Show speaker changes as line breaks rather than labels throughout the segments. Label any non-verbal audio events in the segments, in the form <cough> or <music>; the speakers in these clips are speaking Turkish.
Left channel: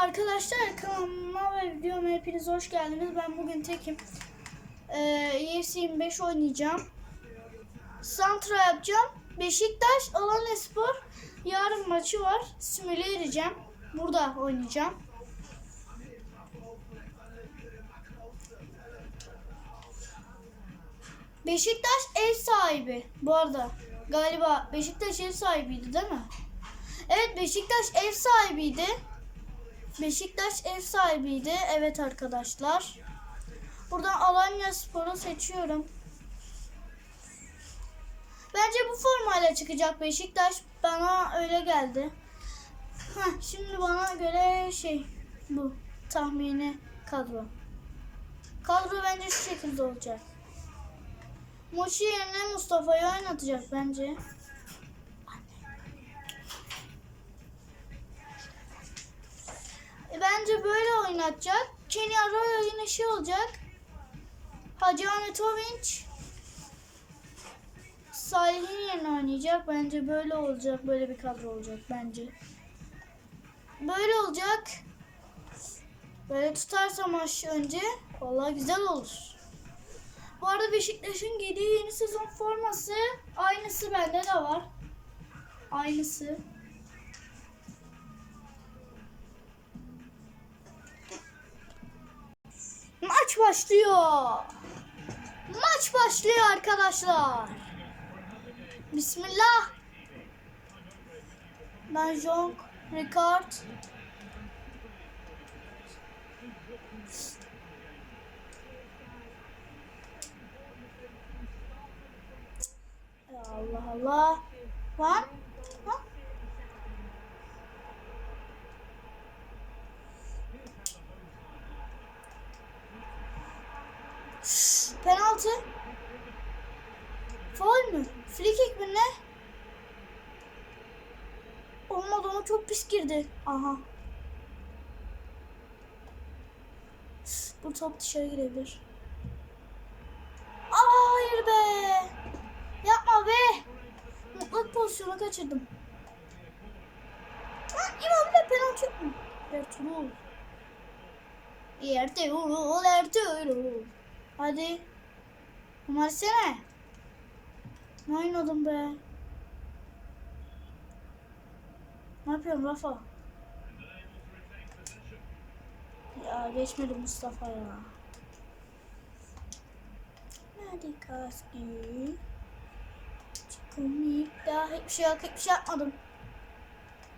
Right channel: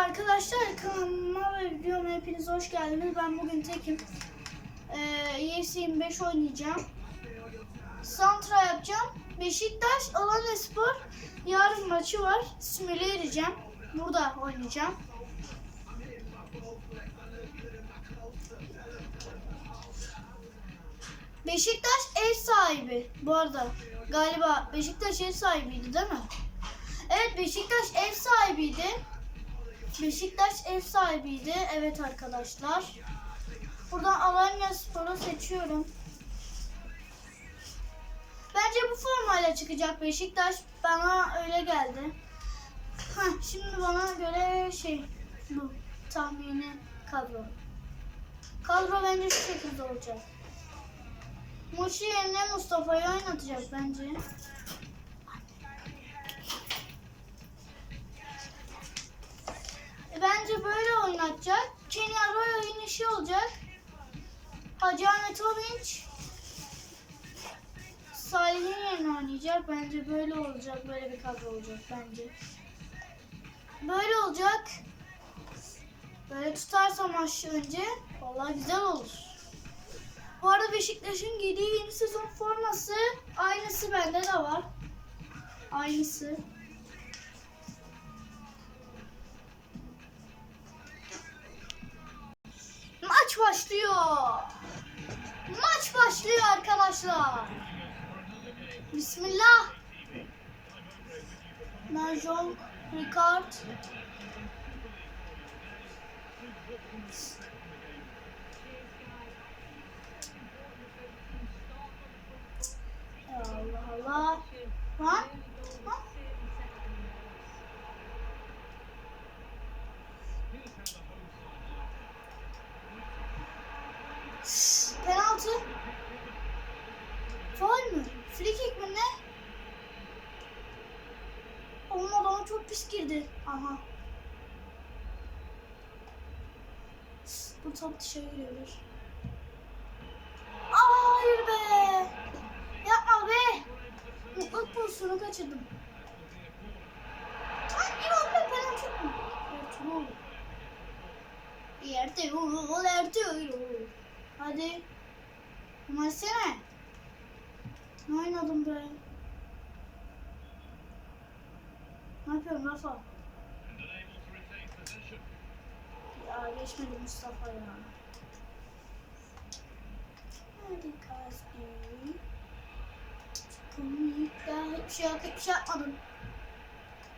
arkadaşlar kanalıma ve videoma hepiniz hoş geldiniz. Ben bugün tekim. Ee, UFC 25 oynayacağım. Santra yapacağım. Beşiktaş Alanyaspor yarın maçı var. Simüle edeceğim. Burada oynayacağım. Beşiktaş ev sahibi bu arada. Galiba Beşiktaş ev sahibiydi değil mi? Evet Beşiktaş ev sahibiydi. Beşiktaş ev sahibiydi. Evet arkadaşlar. Buradan Alanya Spor'u seçiyorum. Bence bu formayla çıkacak Beşiktaş. Bana öyle geldi. Heh, şimdi bana göre şey bu tahmini kadro. Kadro bence şu şekilde olacak. Moşi yerine Mustafa'yı oynatacak bence. Bence böyle oynatacak. Kenny Arroyo yine şey olacak. Hacı Ahmet Ovinç Salih'in yerine oynayacak. Bence böyle olacak. Böyle bir kadro olacak bence. Böyle olacak. Böyle tutarsa maç önce vallahi güzel olur. Bu arada Beşiktaş'ın giydiği yeni sezon forması aynısı bende de var. Aynısı. Başlıyor. Maç başlıyor arkadaşlar. Bismillah. John Ricard. Allah Allah. Lan. Penaltı. Faul mü? Free mi ne? Olmadı ama çok pis girdi. Aha. Bu top dışarı girebilir. Aa, hayır be. Yapma be. Mutlak pozisyonu kaçırdım. Lan İmam penaltı yok mu? Ertuğrul. Ertuğrul, Ertuğrul. Hadi. Numarasene. Ne oynadım be? Ne yapıyorsun Rafa? Ya geçmedi Mustafa ya. Hadi kaskı. Çıkamayıp da hiçbir şey yok, hiçbir şey yapmadım.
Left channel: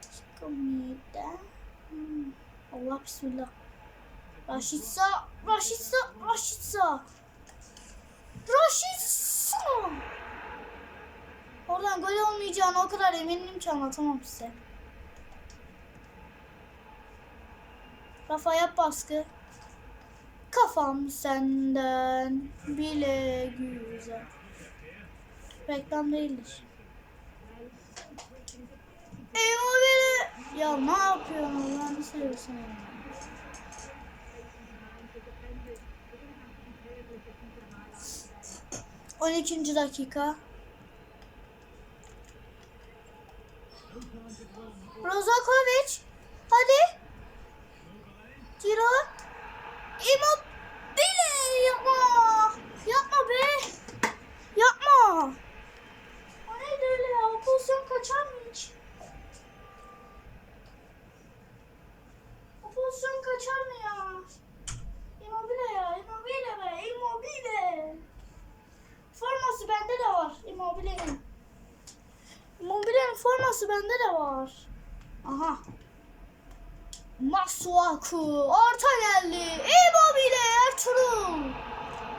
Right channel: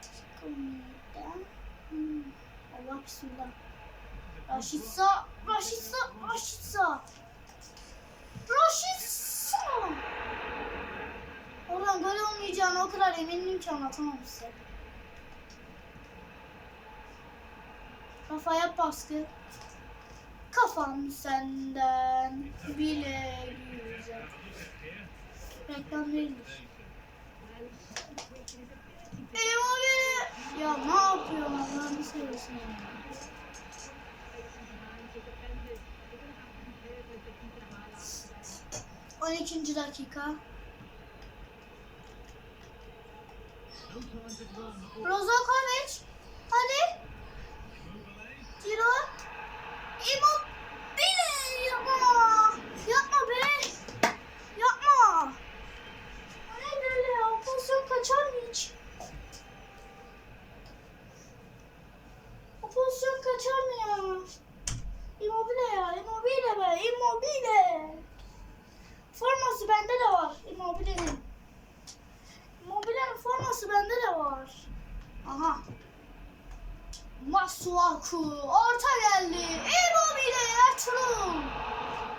Çıkamayıp da. Hmm. Allah bismillah. Raşitsa, Raşitsa, Raşitsa. Raşitsa. Oradan gol olmayacağını o kadar eminim ki anlatamam size. Kafaya baskı. Kafam senden bile güzel. Reklam değildir. Eyvah beni. Ya ne yapıyorsun Allah'ını seversen ya. On ikinci dakika. Rozakovic. Hadi. Tiro. Immobile. Yapma. Yapma be. Yapma. O neydi öyle ya? O pozisyon kaçar mı hiç? O pozisyon kaçar mı ya? Immobile ya. Immobile be. Immobile. Forması bende de var. Immobile'nin. Forması bende de var. Aha. Masuaku. Orta geldi. Immobile. Ertuğrul.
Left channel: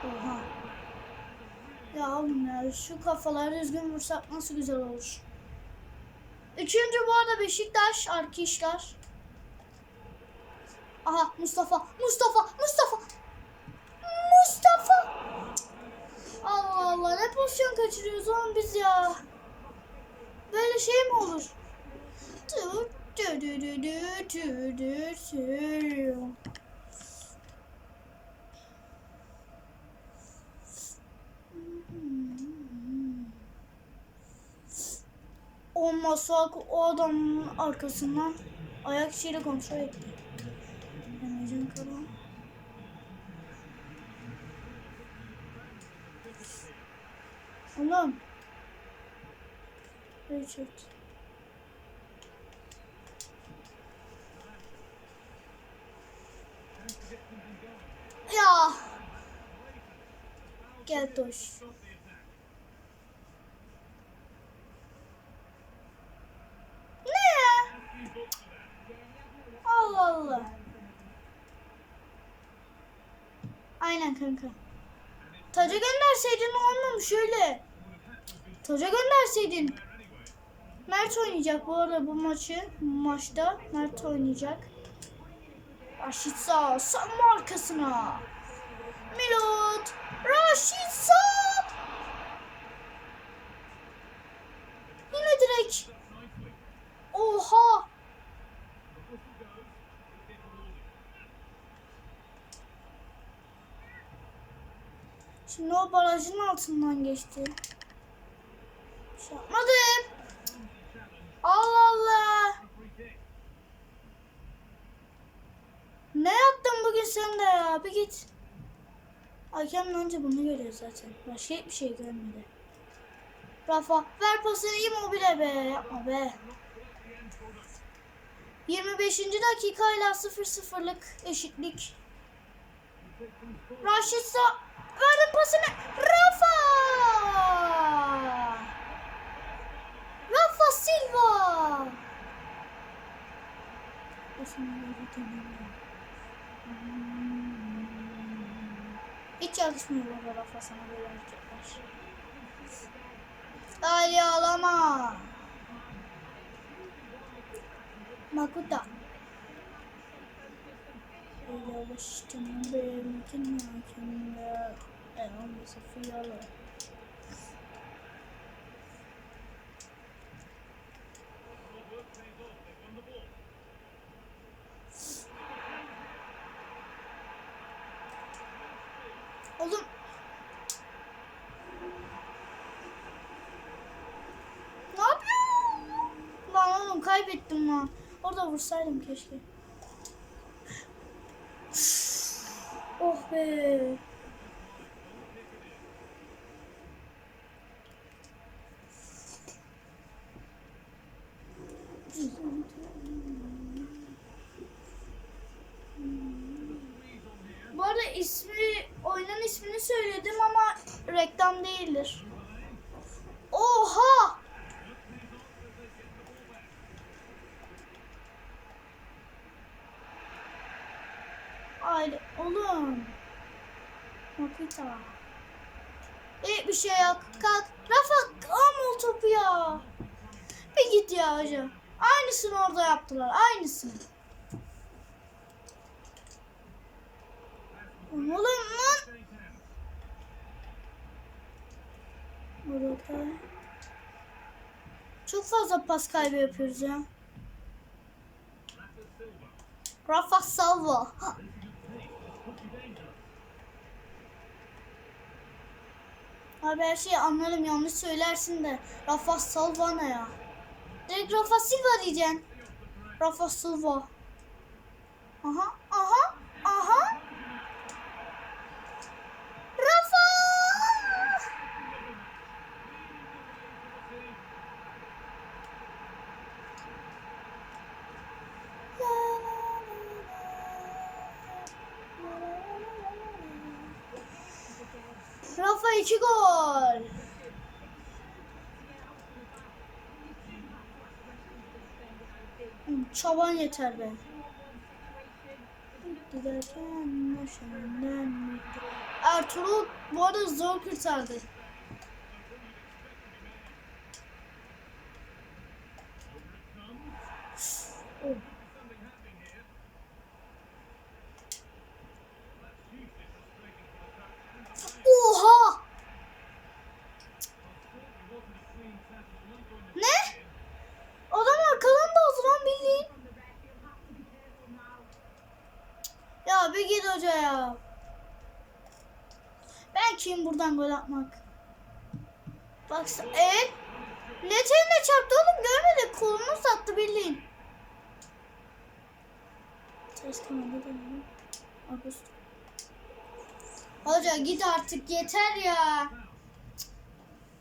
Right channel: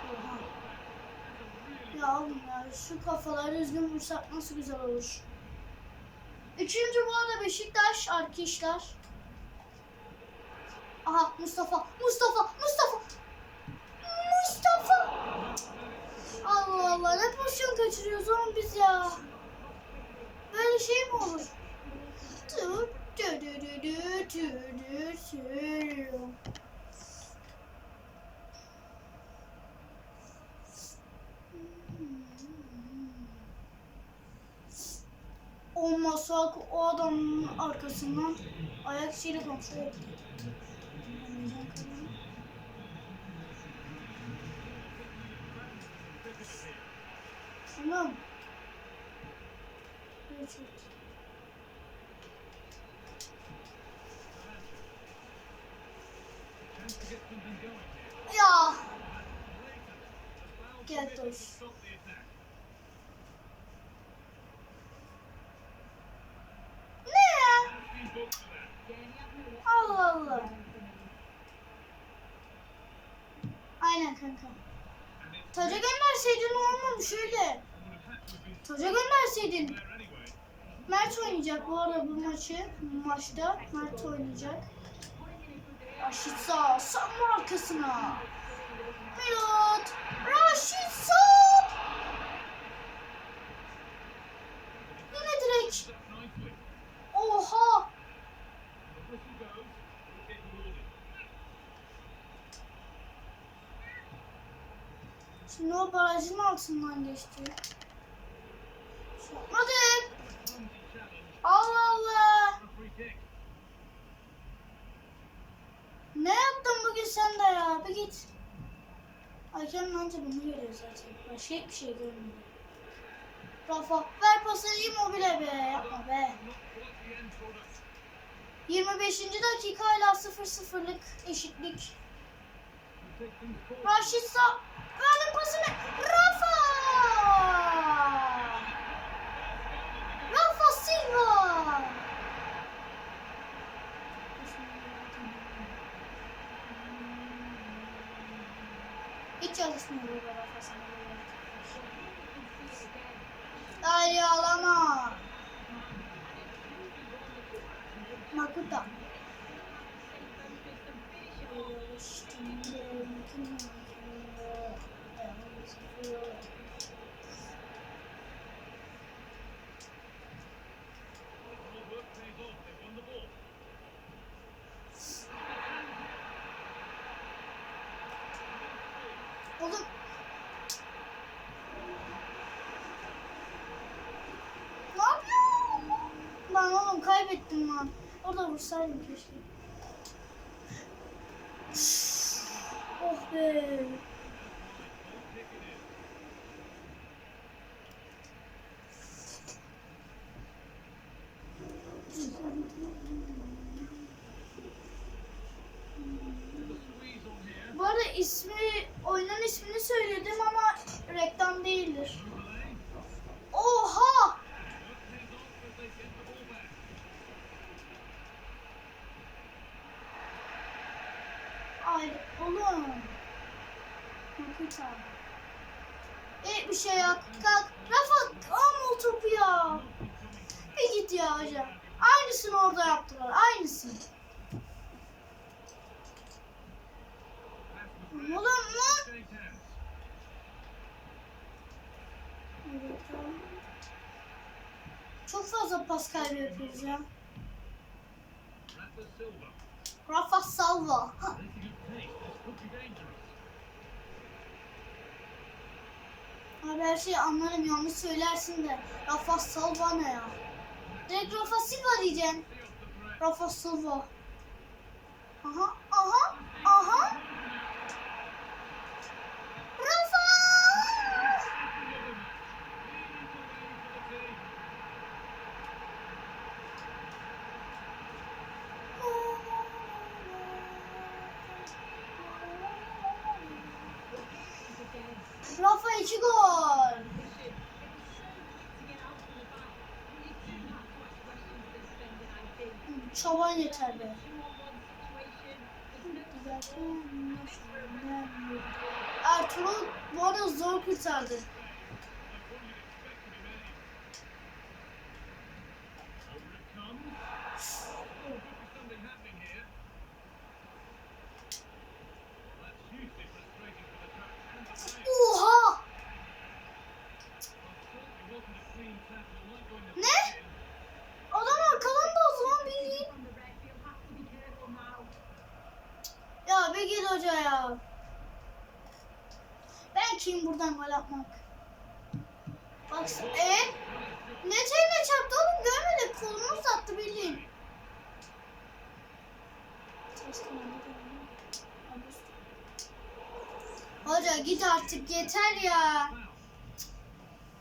Oha. Ya oğlum ya şu kafaları düzgün vursak nasıl güzel olur. Üçüncü bu arada Beşiktaş arkadaşlar. Aha Mustafa. Mustafa. Mustafa. Mustafa. Allah Allah ne pozisyon kaçırıyoruz oğlum biz ya. Böyle şey mi olur? Dur. O adamın arkasından ayak içiyle kontrol etti. Richard. Ya. Gel ya? Allah Allah. Aynen kanka. Taca gönderseydin olmamış öyle. Taca gönderseydin. Mert oynayacak bu arada bu maçı. Bu maçta Mert oynayacak. Raşitsa sanma arkasına. Milot. Raşitsa. Yine direkt. Oha. Şimdi o barajın altından geçti. Şey yapmadım. Allah Allah. Ne yaptın bugün sen de ya? Bir git. Hakem önce bunu görüyor zaten. Başka hiçbir şey görmedi. Rafa ver pasını Immobile be. Yapma be. 25. dakika hala 0-0'lık eşitlik. Raşitsa verdim pasını. Rafa! Rafa Silva! Hiç çalışmıyor bu Rafa sana böyle hareketler. Ay ağlama. Makuta. Oğlum. Ne yapıyorsun? Lan oğlum kaybettim lan. Orada vursaydım keşke. Oh be. Bu arada ismi, oyunun ismini söyledim ama reklam değildir. Oha! Ay oğlum. Makita. E bir şey yap. Kalk. Rafa alma o topu ya. Bir git ya hocam. Aynısını orada yaptılar. Aynısını. Oğlum lan. Burada. Çok fazla pas kaybı yapıyoruz ya. Rafa Salva. Abi her şeyi anlarım yanlış söylersin de Rafa Salva ne ya? Direkt Rafa Silva diyeceksin. Rafa Silva. Aha aha. Rafa iki gol. Çaban yeter be. Giderken yaşamdan Ertuğrul bu arada zor kurtardı. Oha! Ne? Adam arkadan da oldu lan bildiğin. Ya bir git hoca ya. Ben kim buradan gol atmak? Bak e ne teline çarptı oğlum görmedi kolunu sattı bildiğin. Hoca git artık yeter ya.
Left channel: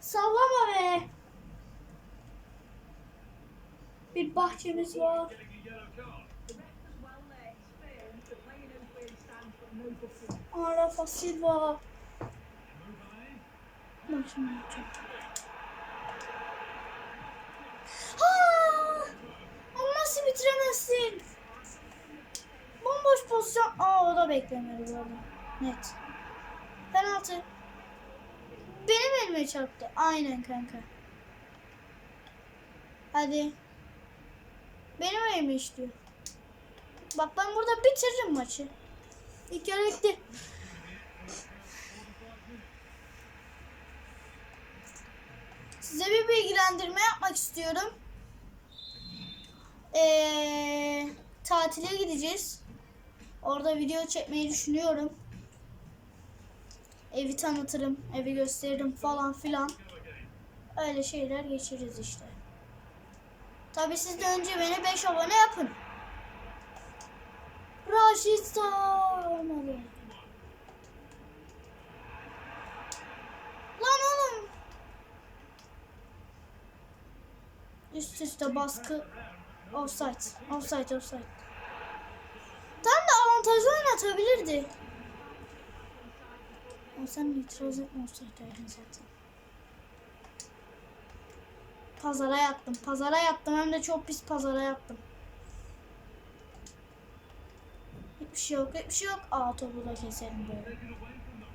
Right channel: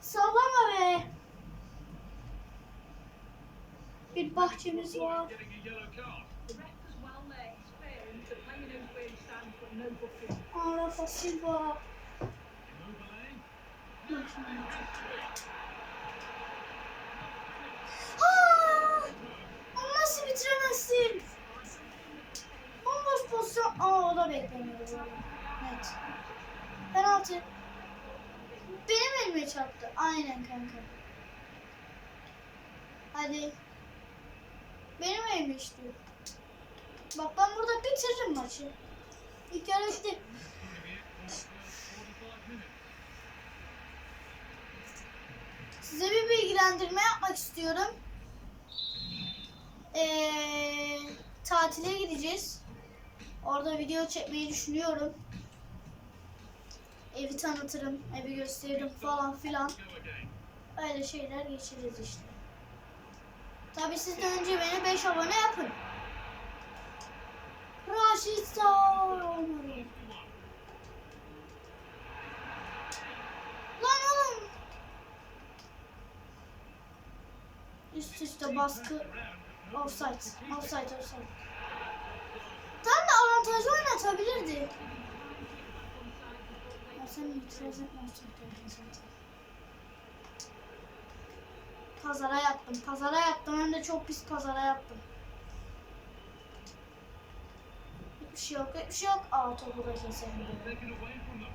Sallama be. Bir bahçemiz var. Arafa Silva. Aa! Onu nasıl bitiremezsin? Bomboş pozisyon. Aa o da beklemiyordu bu. Net. Penaltı. Benim elime çarptı. Aynen kanka. Hadi. Benim elime işliyor. Bak ben burada bitiririm maçı. İlk yarı bitti. Size bir bilgilendirme yapmak istiyorum. Ee, tatile gideceğiz. Orada video çekmeyi düşünüyorum. Evi tanıtırım, evi gösteririm falan filan. Öyle şeyler geçiririz işte. Tabi siz de önce beni 5 abone yapın. Raşit sağ olmadı. Lan oğlum. Üst üste baskı. Offside. Offside offside. Tam da avantajlı oynatabilirdi. Ama sen itiraz etme offside oldun zaten. Pazara yattım. Pazara yattım. Hem de çok pis pazara yattım. Hiçbir şey yok. Hiçbir şey yok. Aa topu da keselim böyle.
Taken away from them.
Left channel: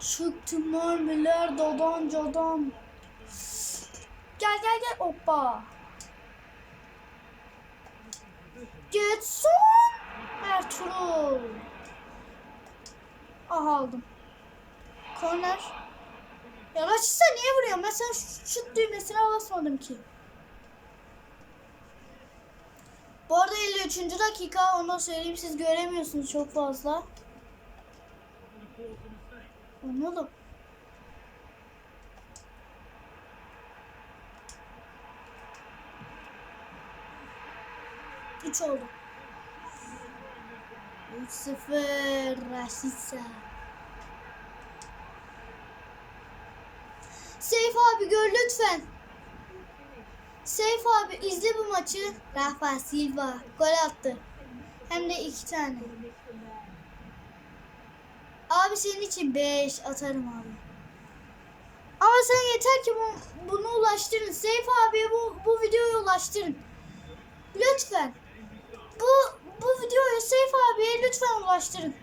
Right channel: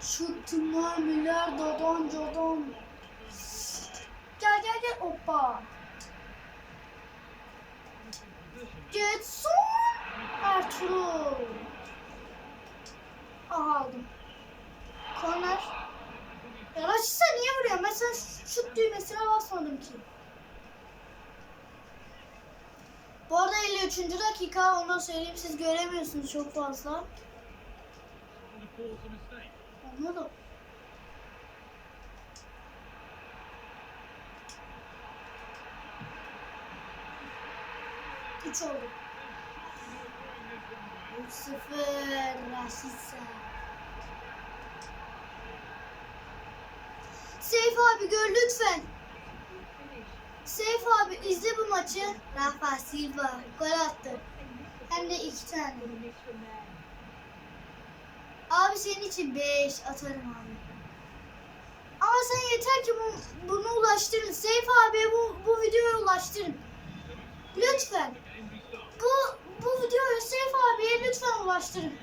Çıktı mermiler dadan cadan. Gel gel gel hoppa. Getson Ertuğrul. Aha aldım. Korner. Ya niye vuruyorsun? Ben sana şu- şut düğmesine basmadım ki. Bu arada 53. dakika onu söyleyeyim siz göremiyorsunuz çok fazla. Anladım. Üç oldu. 3-0 Rashica. Seyf abi gör lütfen. Seyf abi izle bu maçı. Rafa Silva gol attı. Hem de iki tane. Abi senin için 5 atarım abi. Ama sen yeter ki bu, bunu ulaştırın. Seyf abiye bu, bu videoyu ulaştırın. Lütfen. Bu, bu videoyu Seyf abiye lütfen ulaştırın.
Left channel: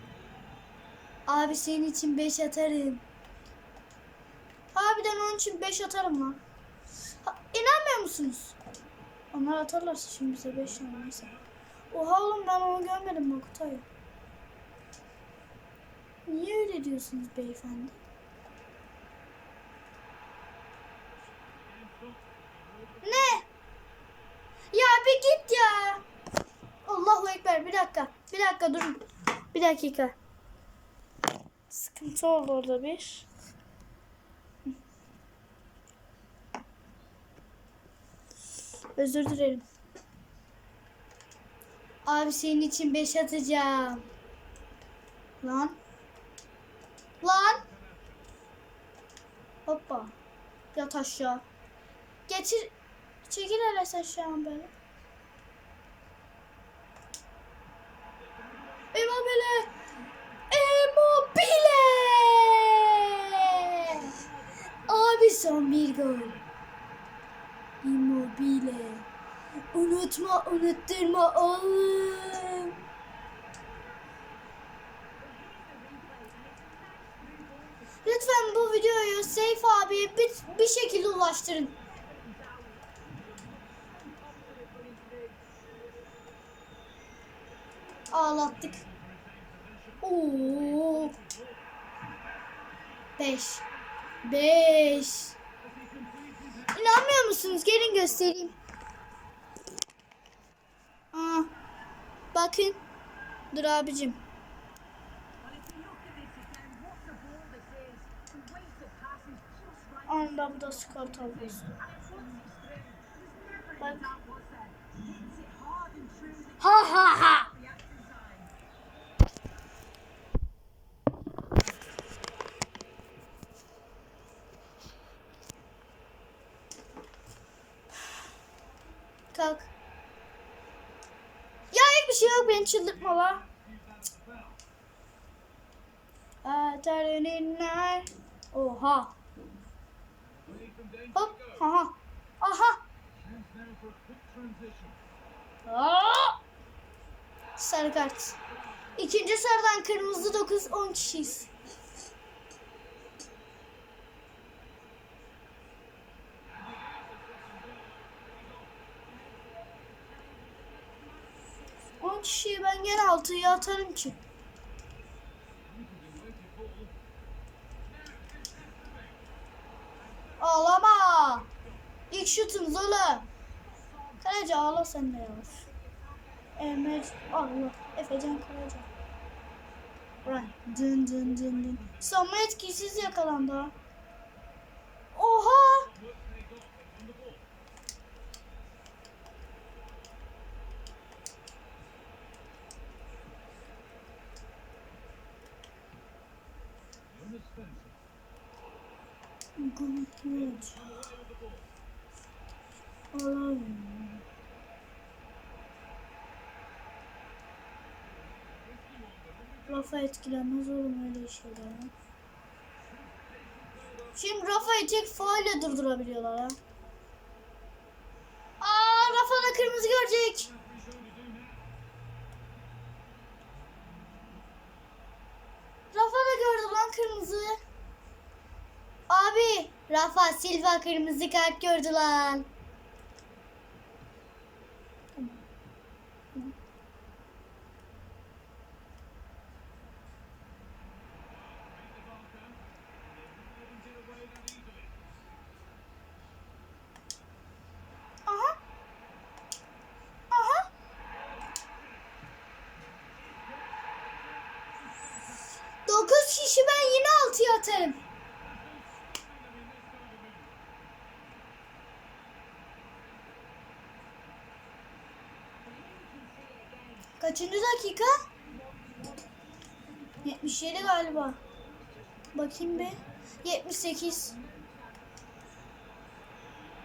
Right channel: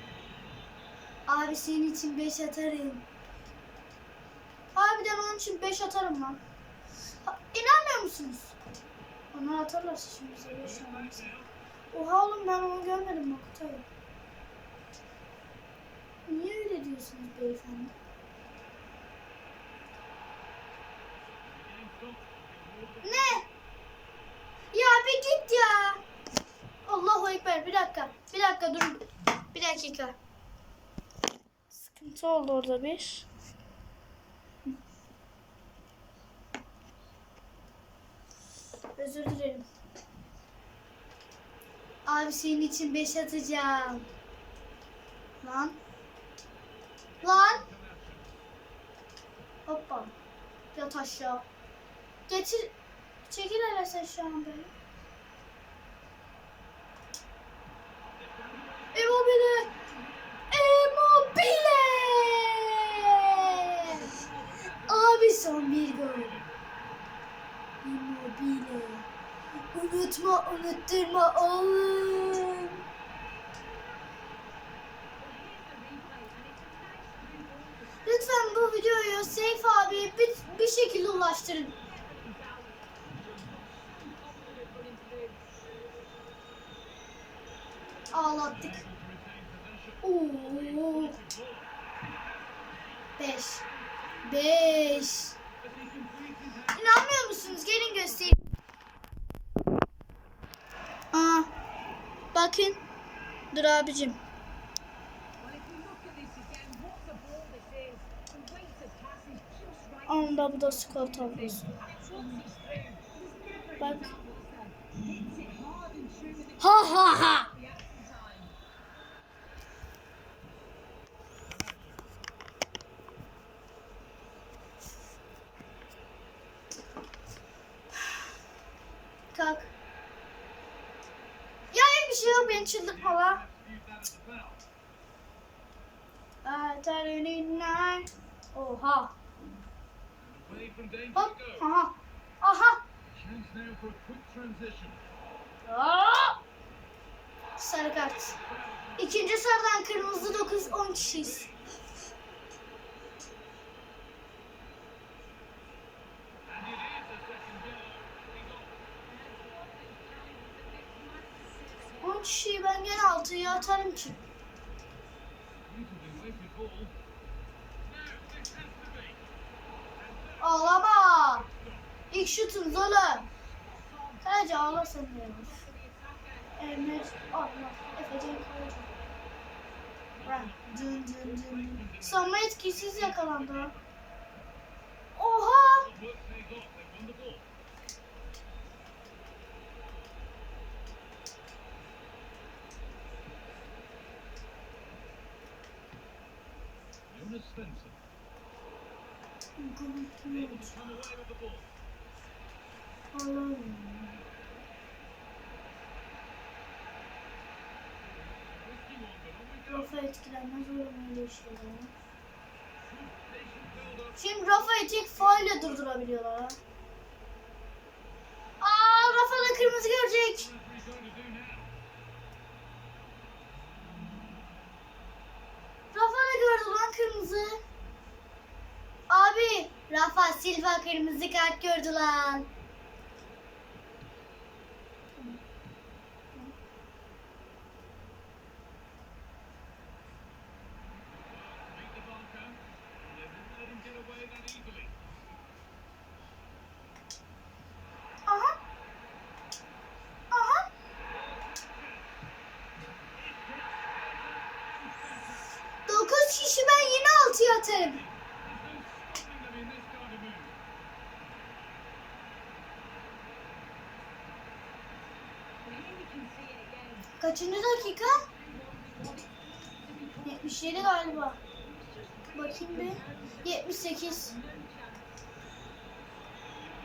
Abi senin için 5 atarım. Harbiden onun için 5 atarım lan. Ha, inanmıyor musunuz? Onlar atarlarsa şimdi bize 5 olmaz. Oha oğlum ben onu görmedim bak Kutay. Niye öyle diyorsunuz beyefendi? Ne? Ya bir git ya. Allahu Ekber bir dakika. Bir dakika durun. Bir dakika. Sıkıntı oldu orada bir. Özür dilerim. Abi senin için 5 atacağım. Lan. Lan. Hoppa. Yat aşağı. Getir. Çekil hele sen böyle. Immobile. Immobile. Abi son bir gol. Immobile. Unutma unutturma oğlum. Lütfen bu videoyu Seyf abi bir, bir şekilde ulaştırın. Ağlattık. Oo. Beş. Beş. İnanmıyor musunuz? Gelin göstereyim. Aa, bakın. Dur abicim. Onda bu da skor tablosu. Bak. Ha ha ha. Şey ışığı beni çıldırtma
lan.
Adrenalinler. Oha. Hop. Aha. Aha. Aa! Sarı kart. İkinci sarıdan kırmızı
9
10
kişiyiz. Has to be.
Ağlama. İlk şutumuz oğlum. Sadece ağla sen de yavaş. Emir. Allah. Efecan kalacak. Bırak. Dın dın dın dın. Savunma etkisiz yakalandı ha. Oha.
Go.
Rafa etkilenmez oğlum öyle şeyler. Şimdi Rafa'yı tek faulle durdurabiliyorlar ha. Aa Rafa da kırmızı görecek. Rafa da gördü lan kırmızı. Rafa Silva kırmızı kart gördü lan. Dokuz kişi ben yine altıya atarım. Kaçıncı dakika? 77 galiba. Bakayım bir. 78.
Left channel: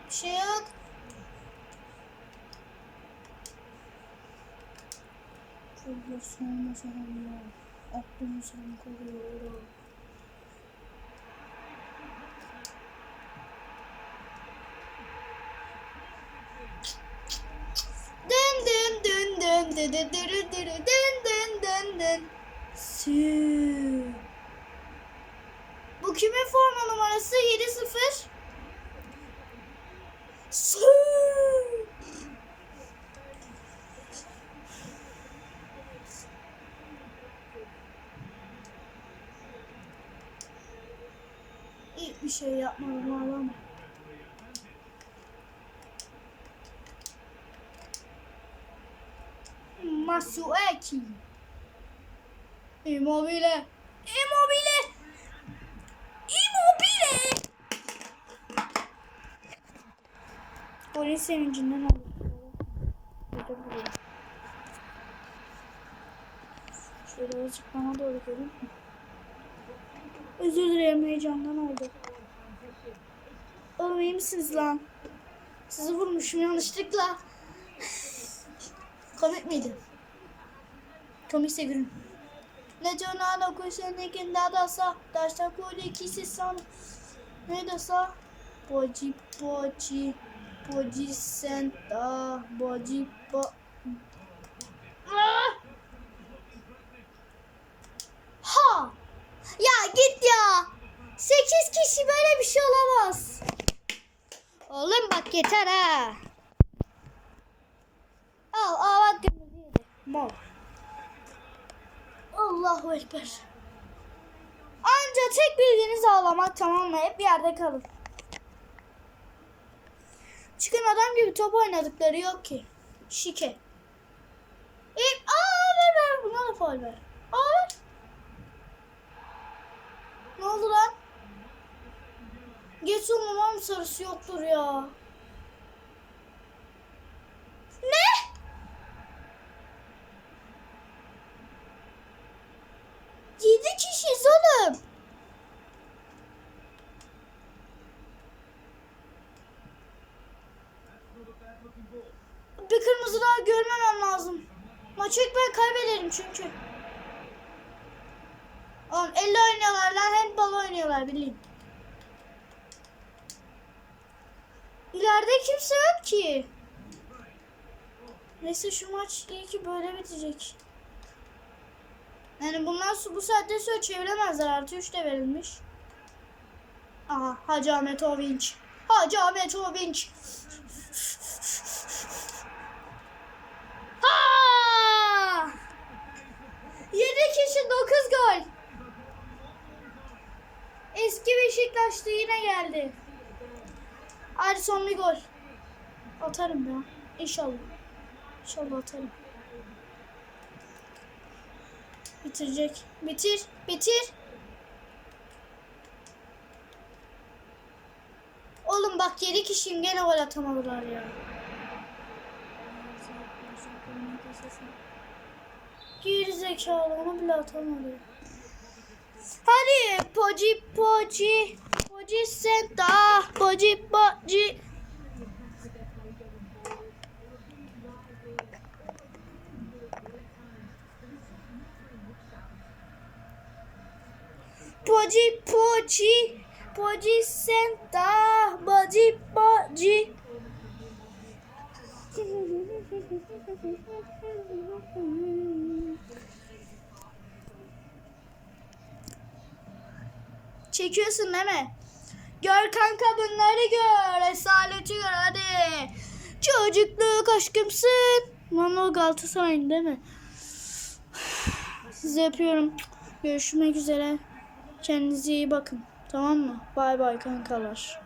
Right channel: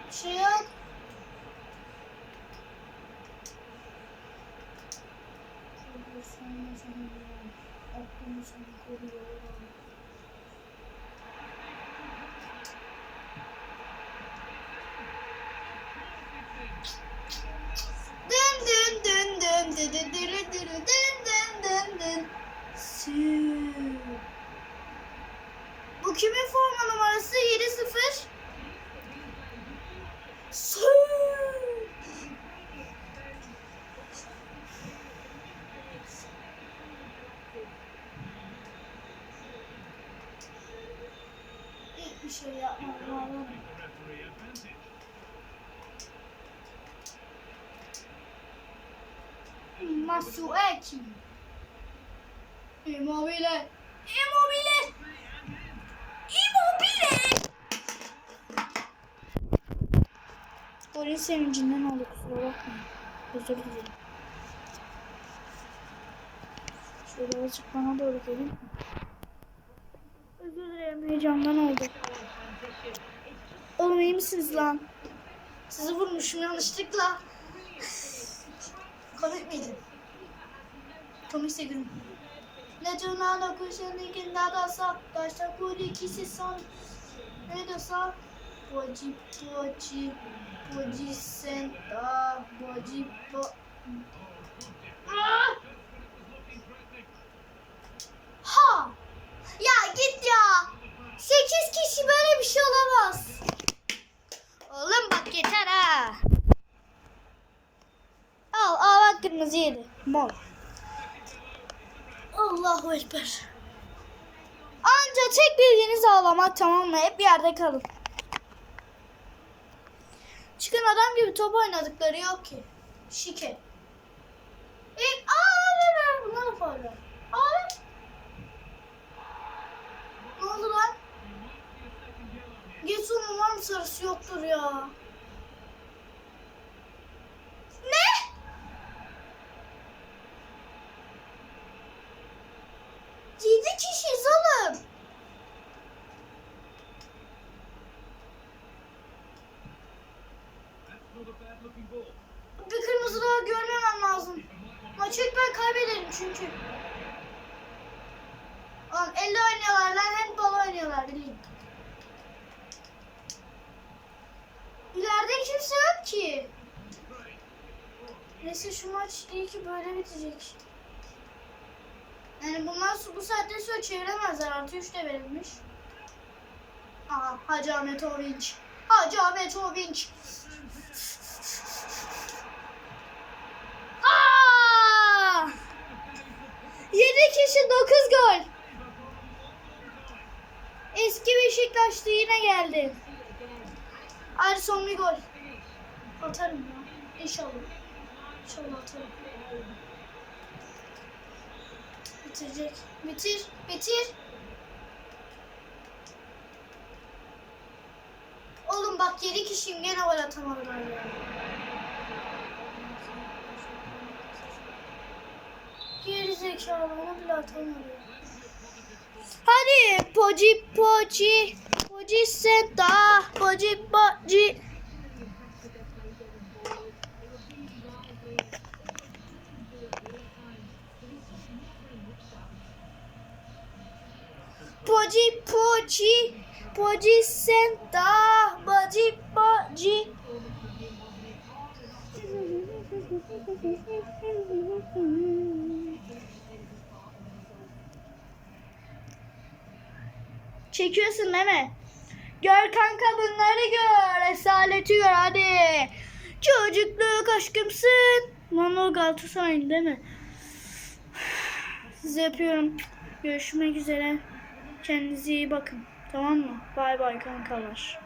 Bir şey yok. Şurada sonra sonra aklımı sen koruyorum. Kimin forma numarası? 7-0. Sü. Hiçbir şey yapmadım oğlum.
Referee advantage.
Masueki. Immobile. Immobile. Immobile. Golün sevincinden oldu kusura bakma. Özür dilerim. Şöyle azıcık bana doğru gelin. Özür dilerim heyecandan oldu. Oğlum iyi misiniz lan? Sizi vurmuşum yanlışlıkla. Komik miydi? Komikse gülüm. Ne canına kuşun da sa Taşta kuli kisi san Ne da sa Boji Boji senta Boji bo! Ha! Ya git ya! 8 kişi böyle bir şey olamaz. Oğlum bak yeter ha. Al al bak kırmızı yedi. Mor. Allahu Ekber. Anca tek bildiğiniz ağlamak tamam mı? Hep yerde kalın. Çıkın adam gibi top oynadıkları yok ki. Şike. İlk aa ver ver buna da faul ver. Ne oldu lan? Geç umarım sarısı yoktur ya. Bir kırmızı daha görmemem lazım. Maçı ilk ben kaybederim çünkü. Oğlum 50 oynuyorlar lan handball oynuyorlar bileyim. İleride kimse yok ki. Neyse şu maç iyi ki böyle bitecek. Yani bunlar bu saatte sonra çeviremezler. Artı 3 de verilmiş. Aha Hacı Ahmet Ovinç. Hacı Ahmet Ovinç. 7 kişi 9 gol. Eski Beşiktaş'ta yine geldi. Hadi son bir gol. Atarım ya. İnşallah. İnşallah atarım. Bitirecek. Bitir. Bitir. Oğlum bak 7 kişiyim gene gol atamadılar ya. Geri zekalı onu bile atamıyor. Hadi poci poci poci senta poci poci Poci poci poci senta poci poci <laughs> Çekiyorsun değil mi? Gör kanka bunları gör. Esaleti gör hadi. Çocukluk aşkımsın. O Galatasaray'ın değil mi? Sizi öpüyorum. Görüşmek üzere. Kendinize iyi bakın. Tamam mı? Bay bay kankalar.